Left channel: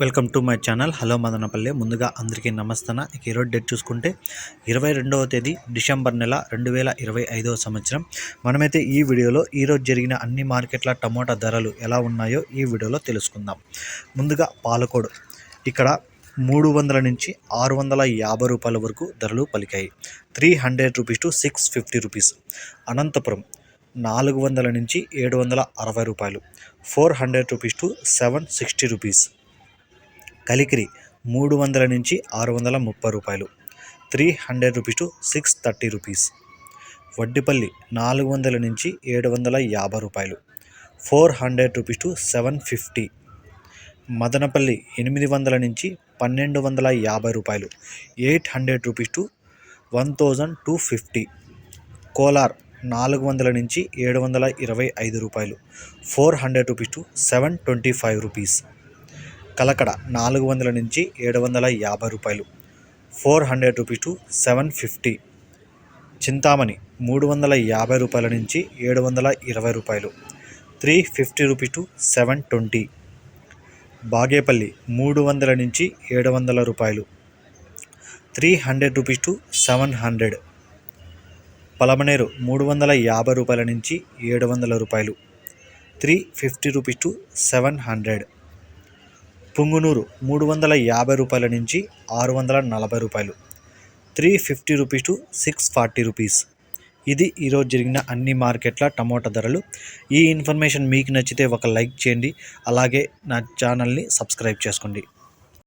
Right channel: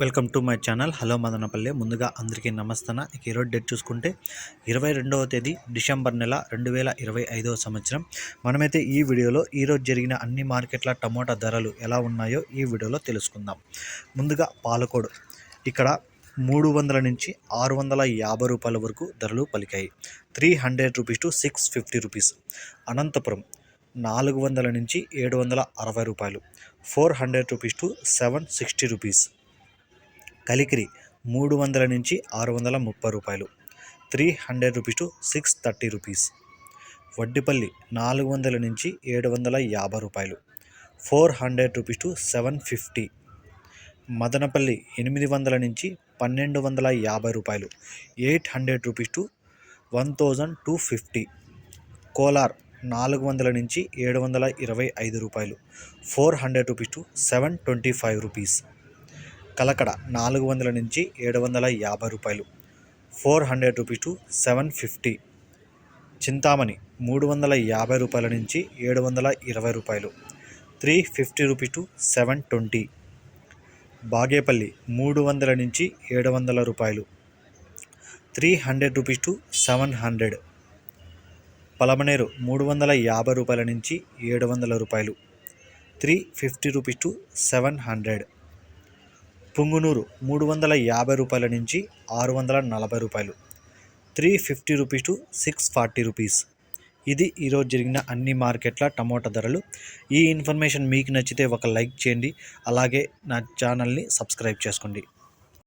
Welcome to my channel. Hello Madanapalle. ముందుగా అందరికీ నమస్తన. ఇక ఈరోజు డేట్ చూసుకుంటే ఇరవై రెండవ తేదీ డిసెంబర్ నెల రెండు వేల ఇరవై ఐదవ సంవత్సరం. మనమైతే ఈ వీడియోలో ఈరోజు జరిగిన అన్ని మార్కెట్ల టమోటా ధరలు ఎలా ఉన్నాయో ఈ వీడియోలో తెలుసుకుందాం. ముందుగా పాలకోడు. ఇక్కడ మూడు వందల నుంచి ఆరు వందల యాభై రూపాయల వరకు ధరలు పలికాయి. Three hundred rupees to six fifty rupees. Anantapuram నాలుగు వందల నుంచి ఏడు వందల అరవై రూపాయలు. Four hundred rupees to seven sixty rupees. Kalikiri మూడు వందల నుంచి ఆరు వందల ముప్పై రూపాయలు. Three hundred rupees to six thirty rupees. Vaddipalli నాలుగు వందల నుంచి ఏడు వందల యాభై రూపాయలు. Four hundred rupees to seven fifty. Madanapalli ఎనిమిది వందల నుంచి పన్నెండు వందల యాభై రూపాయలు. Eight hundred rupees to one thousand two fifty. Kolar నాలుగు వందల నుంచి ఏడు వందల ఇరవై ఐదు రూపాయలు. Four hundred rupees to seven twenty five rupees. Kalakada నాలుగు వందల నుంచి ఏడు వందల యాభై రూపాయలు. Four hundred rupees to seven fifty. Chintamani మూడు వందల యాభై రూపాయల నుంచి ఏడు వందల ఇరవై రూపాయలు. Three fifty rupees to seven twenty. Bagepalli మూడు వందల నుంచి ఏడు వందల రూపాయలు. Three hundred rupees to seven hundred. Palamaner మూడు వందల యాభై రూపాయల నుంచి ఏడు వందల రూపాయలు. Three fifty rupees to seven hundred. Punganur మూడు వందల యాభై రూపాయల నుంచి ఆరు వందల నలభై రూపాయలు. Three fifty rupees to six forty rupees. ఇది ఈరోజు జరిగిన అన్ని మార్కెట్ల టమోటా ధరలు. ఈ ఇన్ఫర్మేషన్ మీకు నచ్చితే ఒక లైక్ చేయండి. అలాగే నా ఛానల్ని సబ్స్క్రైబ్ చేసుకోండి.